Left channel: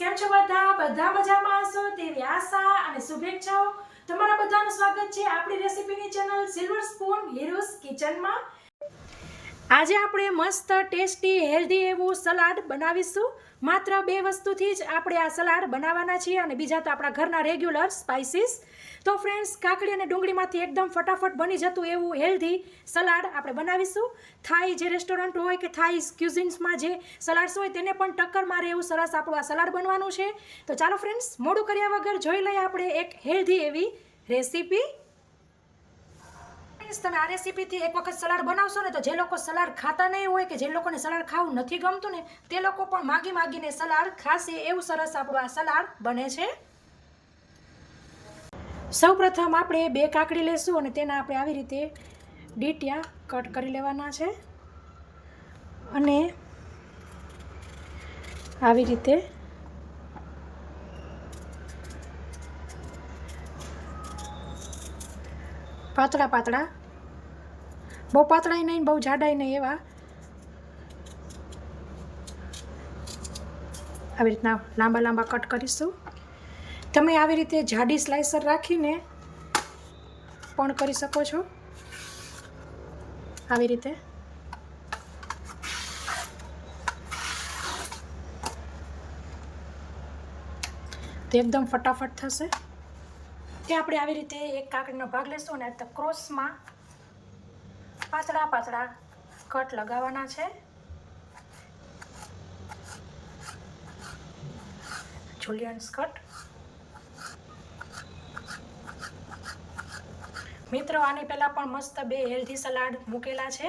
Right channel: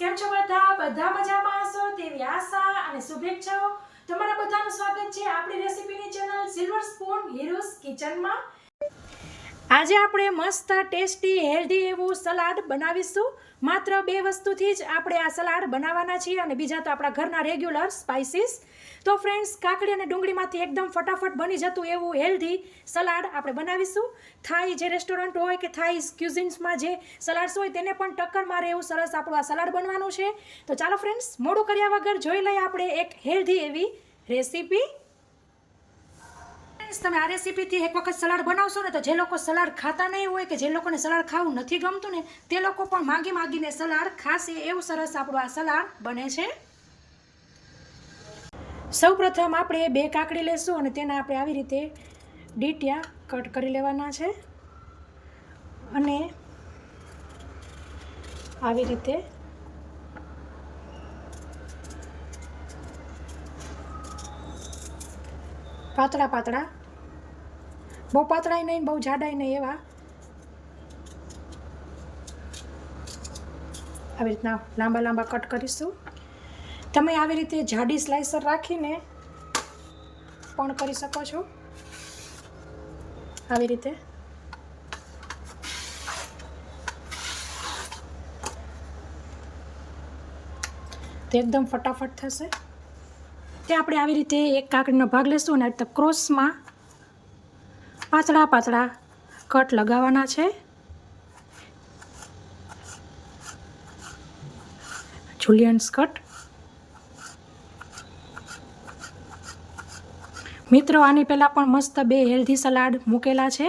કેમ છો બધા મજામાં હશો તેવી આશા અને શુભેચ્છાઓ। તમારા બધાનું સ્વાગત છે આપણી રેસીપીની ચેનલ સિલ્વર સ્પૂન હીરોઝ કિચનમાં। આજે આપણે મસ્ત ટેસ્ટી હેલ્ધી એવું સલાડ બનાવીશું। માત્ર 2 વસ્તુથી જ આપણે આ સલાડ બનાવવાના છીએ અને બીજા તો આપણા ઘરના રેગ્યુલર સ્પાઇસીસ। તો ફ્રેન્ડ્સ, કાકડી અને ડુંગળીમાંથી એકદમ ફટાફટ બની જતું એવું હેલ્ધી સલાડ આપણે બનાવીશું। થાઈ જે રેસ્ટોરન્ટ હોય કે થાઈ ક્યુઝિન્સમાં જે સલાડ્સ હોય તેને પણ ટક્કર મારે એવું સરસ આપણું આ સલાડ બનવાનું છે। તો ચાલો ફ્રેન્ડ્સ, મોડું કર્યા વગર જોઈ લઈએ આપણે એક હેલ્ધી એવી રેસીપી। તમે આ રેસીપીથી એક વખત સલાડ બનાવશો ને તો જે લોકો સલાડ ખાતા નહીં હોય કે જે લોકોને સલાડ ખાવું નથી ગમતું ને તે લોકો પણ માગીને સલાડ ખાશે એવું સરસ આપણું આ સલાડ બને છે। સૌપ્રથમ આપણે 2 કાકડી લેશું અને તેના આપણે આવી રીતે ડીટિયા કટ કરી લેવાના છે અને આવી રીતે પાતળા બહુ પાતળાય નહીં બહુ જાડાય નહીં એવા આવી રીતના લાંબા કટ કરીશું। તમે આવી રીતે જાડી સ્લાઇસર રાખીને પણ કરી શકો છો। આવી રીતે તો એકદમ ફટાફટ થશે। તે આપણે આવી રીતે એક કાકડીનો ભાગ લેશું અને આ ક્રોસમાં પાતળા કટ લગાવવાના છે। જુલિયન્સ કટ। મિત્રો, આની પહેલાં પણ મસ્ત 2 હેલ્ધી સલાડ મૂકેલા છે,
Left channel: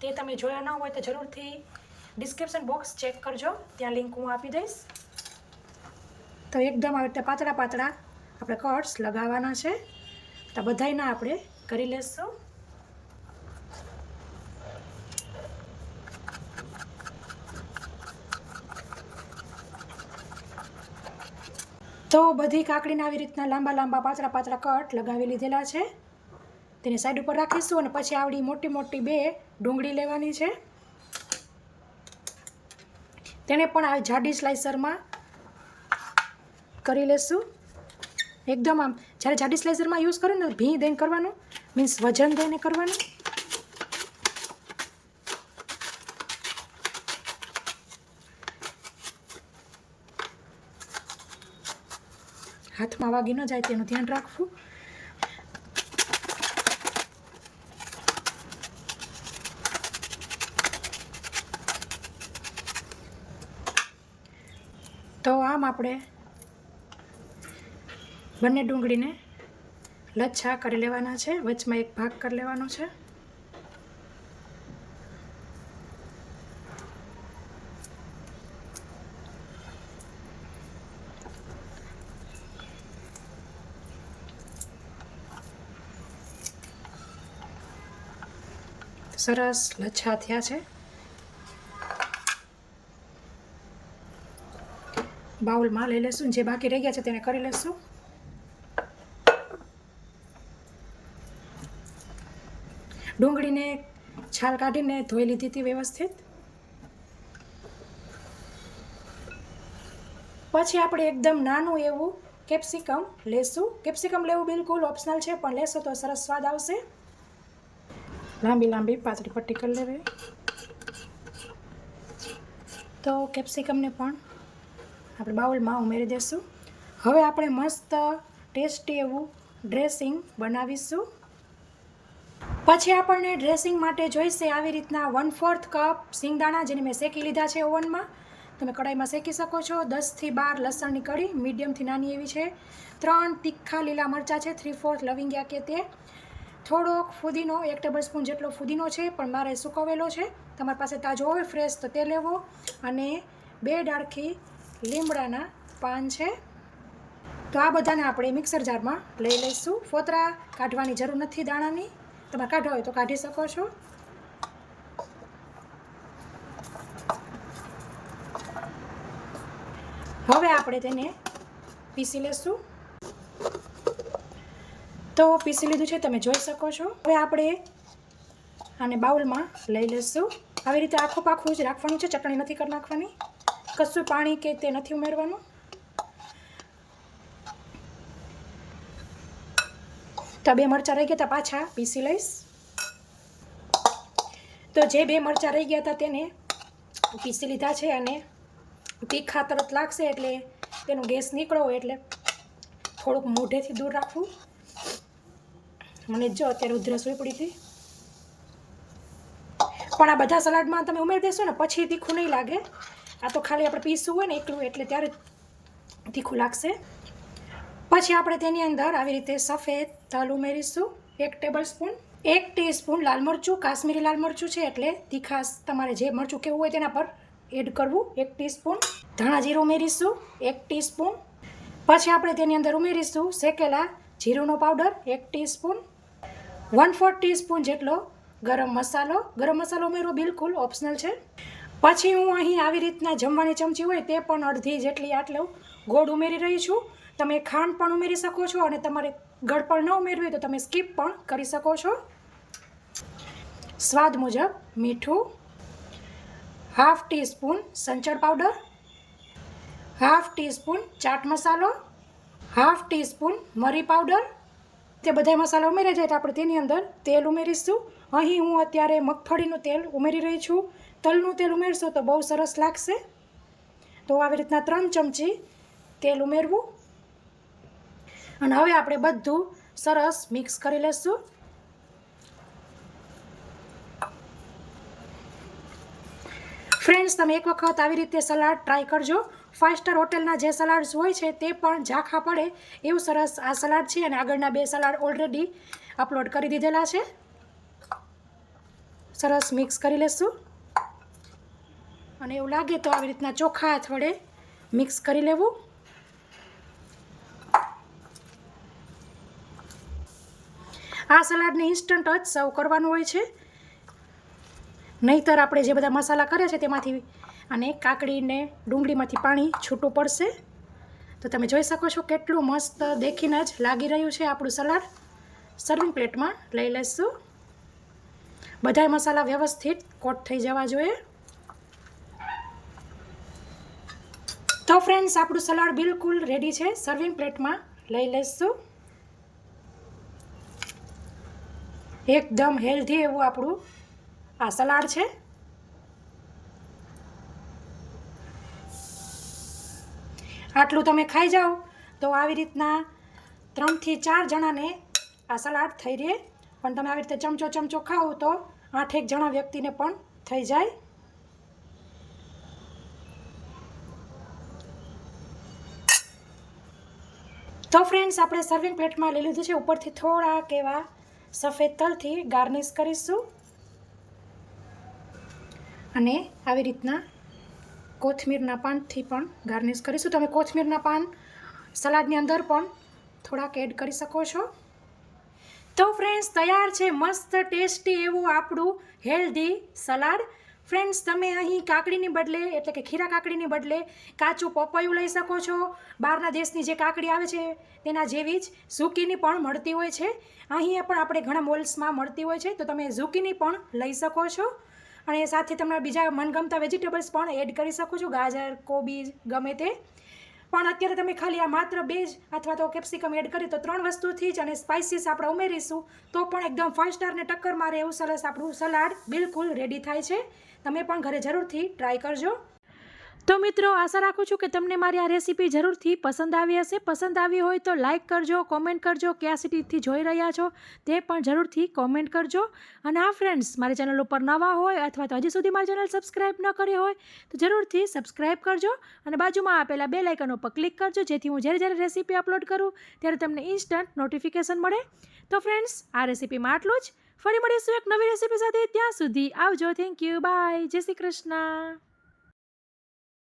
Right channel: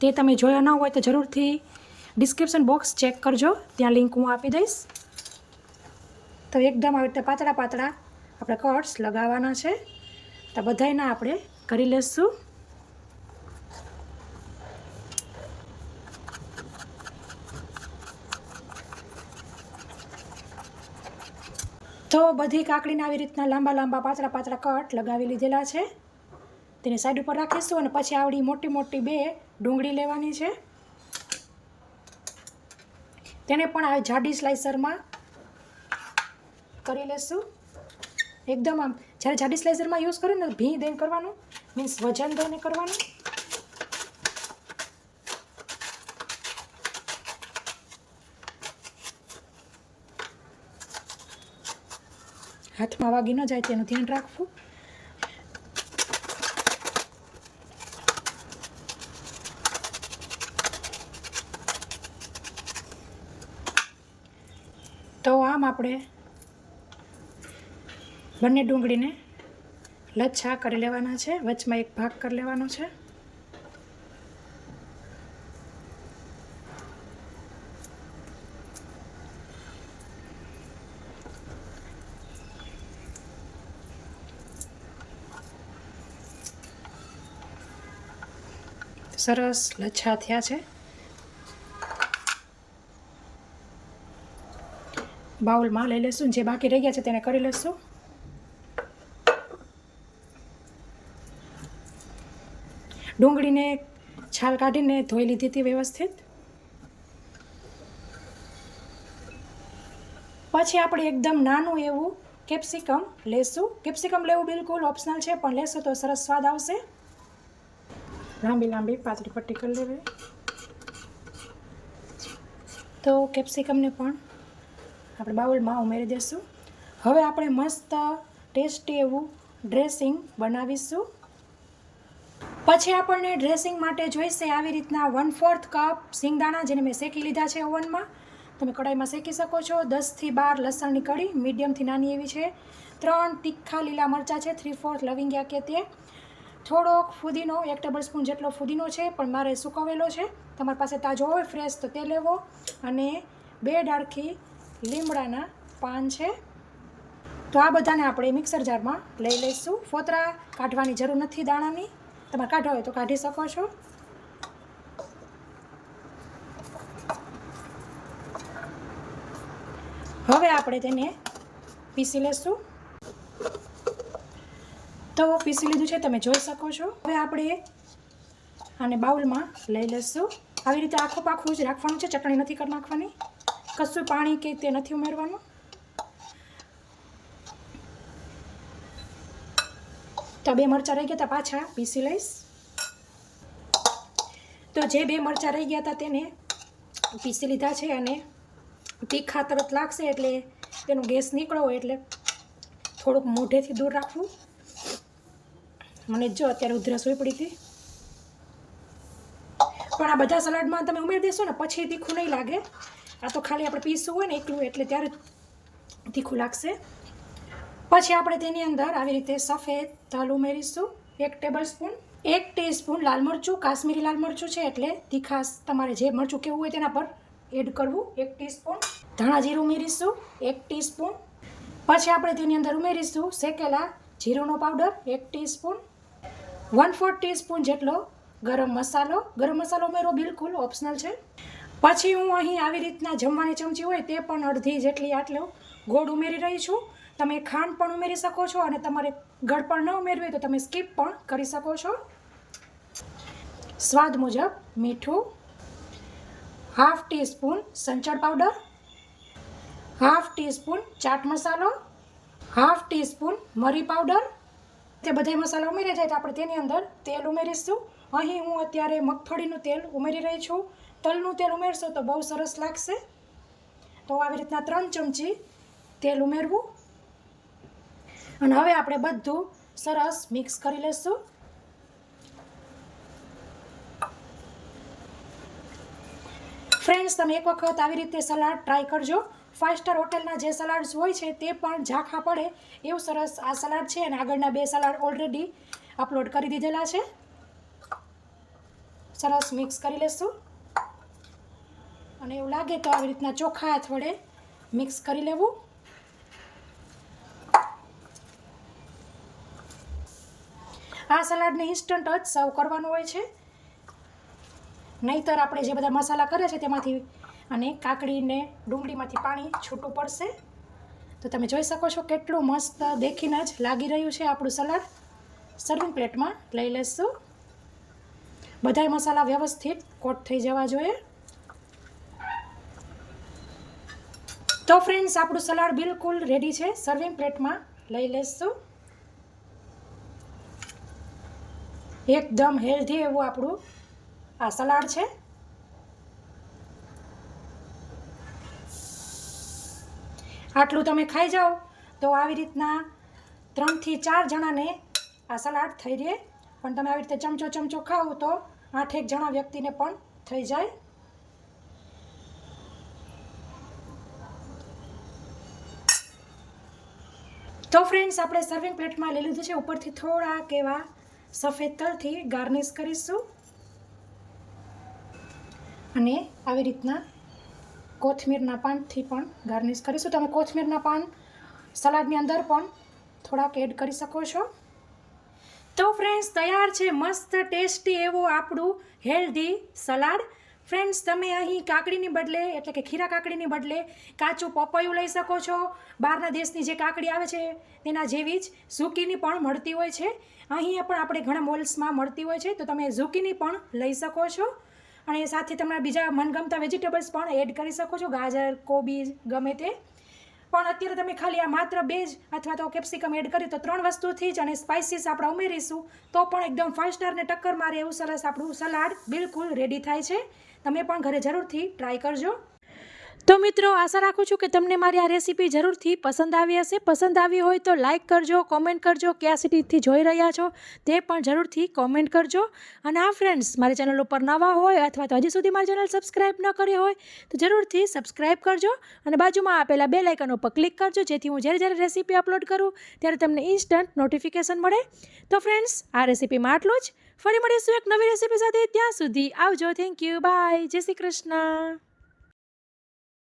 તે તમે જોયા ન હોય તો જરૂરથી ડિસ્ક્રિપ્શન બોક્સ ચેક કરજો, ત્યાં લિંક હું આપી દઈશ। તો એકદમ આવી રીતે પાતળા આપણે કટ્સ લગાવવાના છે। તો બધાયના આપણે કરી લઈશું। તો બધી કાકડીને આવી રીતના લાંબા પાતળા કટ લગાવી લીધેલા છે। તેને સાઈડ ઉપર રાખીશું અને પછી આવડી મોટી 2 ડુંગળી લેવાની છે, તેને પણ આ જાડી સ્લાઇસરમાં કરી લેશું। એકદમ આમ જ્યારે જાડી સ્લાઇસરમાં યુઝ કરો ને ભી દઈને કરવાનું, મીન્સ વજન દઈને કરવાનું। હાથમાં વાગી ન જાય તેનું ધ્યાન રાખવું। તો આમ આપણે બંને ડુંગળીને લચ્છા કરી લેવાના છે, વચમાં એક ભાગ કરી લેવાનો છે। સરસ લચ્છા થયા છે। બાઉલમાં લઈ લેશું, જે બાકી રહી ગયા છે તેને કરી લેશું। ડુંગળીને છાલ કાઢીને ધોઈ લીધી હતી વ્યવસ્થિત। પછી આપણે એકદમ નાનું એવું કેપ્સિકમ લેશું। કેપ્સિકમ લેવું બિલકુલ ઓપ્શનલ છે, પણ લેશો તો સરસ સ્વાદ આવશે। લાંબી પાતળી પટ્ટી કરી લેવી। તો કેપ્સિકમને પણ આપણે બાઉલમાં ઉમેરી દઈશું। હવે આપણે મસ્ત ટેસ્ટી એવું ડ્રેસિંગ બનાવીશું। પછી આપણને ડ્રેસિંગ માટે જોઈશે આવી રીતના 1/4 કપ સિંગદાણા, જેને મેં શેકી લીધા છે ઓવનમાં। તમે કડાઈમાં શેકી શકો છો। 10 થી 12 લસણની કળી મીડિયમથી નાની એવી છે। 3 તીખા લીલા મરચાં છે, 3/4 લવિંગિયા કે તે। થોડોક ફુદીનો, 1 ટેબલસ્પૂન જેટલો ફુદીનો છે, પણ મારે સુકવેલો છે, તમારી પાસે તાજો હોય ફ્રેશ તો તે લેવો। અને 2 ડાળખી લીમડાના પાન છે। તો આ બધાને આપણે મિક્સર જારમાં લઈ લઈશું। ફોતરા કાઢવાની જરૂર નથી દાણાની, તમારે કાઢવા હોય તો કાઢી શકો છો। હવે આપણે તેને પીસી લેશું। તો પીસી લીધું છે, તમે જોઈ શકો છો। હવે આપણે આને બાઉલમાં લઈ લઈશું। આવી રીતે આખું પાખું જ રાખવાનું છે, ચટણી નથી કરી નાખવાની, કશું પાણી કે તે નથી ઉમેરવાનું। તો 2 મરચાં રહી ગયા હતા પાછા પીસી લઈશ. તો જે 2 મરચાં રહી ગયા હતા તેને પીસી લીધા છે અને તીખા તરત લાગશે એટલે તેનો ગેસ નીકળો હોય એટલે થોડુંક મોઢેથી દૂર રાખવું. મને જો અત્યારે ઉધરસ હોઈ પડી હતી, પણ આ બધા સલાડમાં તમે ઉમેરી દેશો ને પછી તીખું નહીં લાગે. આ તો ખાલી આપણે પીસવું હોય ને એકલું એટલે ત્યારે તીખું લાગશે. પછી આપણે તેની અંદર આવી રીતે સફેદ તલ ઉમેરીશું 1 ટેબલ સ્પૂન. 1 ટીસ્પૂન લાલ મરચું, કાશ્મીરી લાલ મરચું છે એટલે તીખાશ તમારે જે મરચું કેવું હોય તેના પર એડ કરવું. 1 ટીસ્પૂન ધાણા જીરું ઉમેરીશું 1 ટીસ્પૂન. પછી આપણે તેની અંદર ઉમેરીશું શેકેલા જીરુંનો પાવડર 1 ટીસ્પૂન. 1/4 ટીસ્પૂન જેટલો ગરમ મસાલો. ગરમ મસાલો ઉમેરવો બિલકુલ ઓપ્શનલ છે. પછી હું અહીં આવી રીતના જમવાની ચમચી હોય તે પણ અડધી જેટલી આટલો ગોળ ઉમેરી રહી છું. તમે ખાંડ પણ ઉમેરી શકો છો અને તમારે ગળપણ ન ઉમેરવી હોય તો તમે સ્કીપ પણ કરી શકો છો. સ્વાદ મુજબ મીઠું, 1/2 ટીસ્પૂન સંચળ પાવડર, 1/2 ટીસ્પૂન ચાટ મસાલો, 1/2 ટીસ્પૂન મરી પાવડર. તે બધા મસાલા ઉમેરી જાય તો આપણે તેની અંદર તેલ ઉમેરીશું. અહીં હું અત્યારે મગફળીનું તેલ ઉમેરી રહી છું. તલનું તેલ ઉમેરશો તો બહુ સરસ લાગશે. તો આવી રીતના 3 ચમચી તેલ ઉમેરવું અને હવે આપણે બધું સરસ મિક્સ કરી લઈશું. ફ્રેન્ડ્સ, તમે એક વખત આવી રીતે સલાડ ટ્રાય કરજો. 5 સ્ટાર હોટલના જે સલાડ્સ હોય છે તે પણ ઝાંખા પડે એવું સરસ આ સલાડ છે અને આગળના 2 સલાડ ઓલરેડી અપલોડ કરી દીધેલા છે. સરસ મિક્સ કરી લઈશું અને એવું લાગે તો આવી રીતના ચોખા હાથ વડે મિક્સ કરી લેવું. આ સલાડને ઇન્સ્ટન્ટ જ સર્વ કરવાનું હોય છે, નહીંતર આપણે જે બધા મસાલા કર્યા છે તેમાંથી અને કાકડીને ડુંગળીમાંથી પાણી છૂટું પડશે. તો તમે જોઈ શકો છો કેટલું મસ્ત દેખીને જ લાગી રહ્યું છે આપણું સલાડ. સર્વિંગ પ્લેટમાં લઈ લઈશું. બધા મસાલા વ્યવસ્થિત કોટ થઈ જવા જોઈએ. તો ફ્રેન્ડ્સ, આપણું સલાડ બિલકુલ રેડી છે. સર્વિંગ પ્લેટમાં લઈ લઈશું. એકદમ હેલ્ધી એવું આપણું આ સલાડ છે. આટલું તમે ખાઈ જાઓ તો આવી રીતના 3 થી 4 જણાને આ સલાડ થઈ રહે. પણ તમે આવી રીતે ચમચો ખાઓ તો 8-1 જણા વ્યક્તિને પણ થઈ જાય. તો ફ્રેન્ડ્સ, આપણે સર્વિંગ પ્લેટમાં લઈ લીધું છે. ઉપરથી થોડાક એવા સફેદ તલથી ગાર્નિશ કરીશું અને આવી રીતના કોથમીરના પાનથી પણ ગાર્નિશ કરીશું. તમે કોથમીરના પાન સલાડની અંદર પણ થોડાક એડ કરી શકો છો. તો ફ્રેન્ડ્સ, તૈયાર છે મસ્ત ટેસ્ટી એવું આપણું હેલ્ધી સલાડ. ફ્રેન્ડ્સ, તમે અહીં કાકડીની બદલે એટલે કે ખીરા કાકડીની બદલે કાચું પપૈયું લઈ શકો છો. બહારના દેશની જે કાકડી આવે છે તેના જેવી જ ઝુકીની પણ મળતી હોય છે. અહીંયા પણ આપણે ઘણા મોલ્સમાં મળતી હોય છે, તો તમે ઝુકીની પણ લઈ શકો છો અને સાથે તમારા બીજા મનગમતા વેજીટેબલ્સ પણ એડ કરી શકો છો, ગાજર, કોબીજ ગમે તે. પણ અત્યારે તમે ખાલી આ માત્ર 2 જ અથવા તો કેપ્સિકમ એડ કરી તો 3 વસ્તુથી જ અને સ્પાઇસીસ આપણે ઉમેરીશું તો પણ એકદમ 5 સ્ટારને ટક્કર મારે એવું સરસ આપણું સલાડ બિલકુલ રેડી થાય છે. તમે પણ ઘરે જરૂરથી ટ્રાય કરજો. તો મિત્રો, આશા રાખું છું કે તમને મારી આ રેસીપી જરૂરથી પસંદ આવી હશે. પસંદ આવી હોય તો લાઇક કરજો, કોમેન્ટ કરજો, કયા સિટીથી જોઈ રહ્યા છો તે પણ જરૂરથી કોમેન્ટ કરજો. અને આ ફ્રેન્ડ્સ, મારી ચેનલ ઉપર નવા હોય અથવા તો હજી સુધી મારી ચેનલ સબસ્ક્રાઈબ ન કરી હોય તો જરૂરથી સબસ્ક્રાઈબ કરજો અને બાજુમાં આપેલા બેલ આઇકન ઉપર ક્લિક કરજો જેથી હું જ્યારે રેસીપી અપલોડ કરું ત્યારે તમને ઇન્સ્ટન્ટ નોટિફિકેશન મળે. તો ફ્રેન્ડ્સ, આ રેસીપીમાં આટલું જ. ફરી મળીશું એક નવી રેસીપી સાથે. ત્યાં સુધી આવજો. Thank you. બાય. જય શ્રી કૃષ્ણ.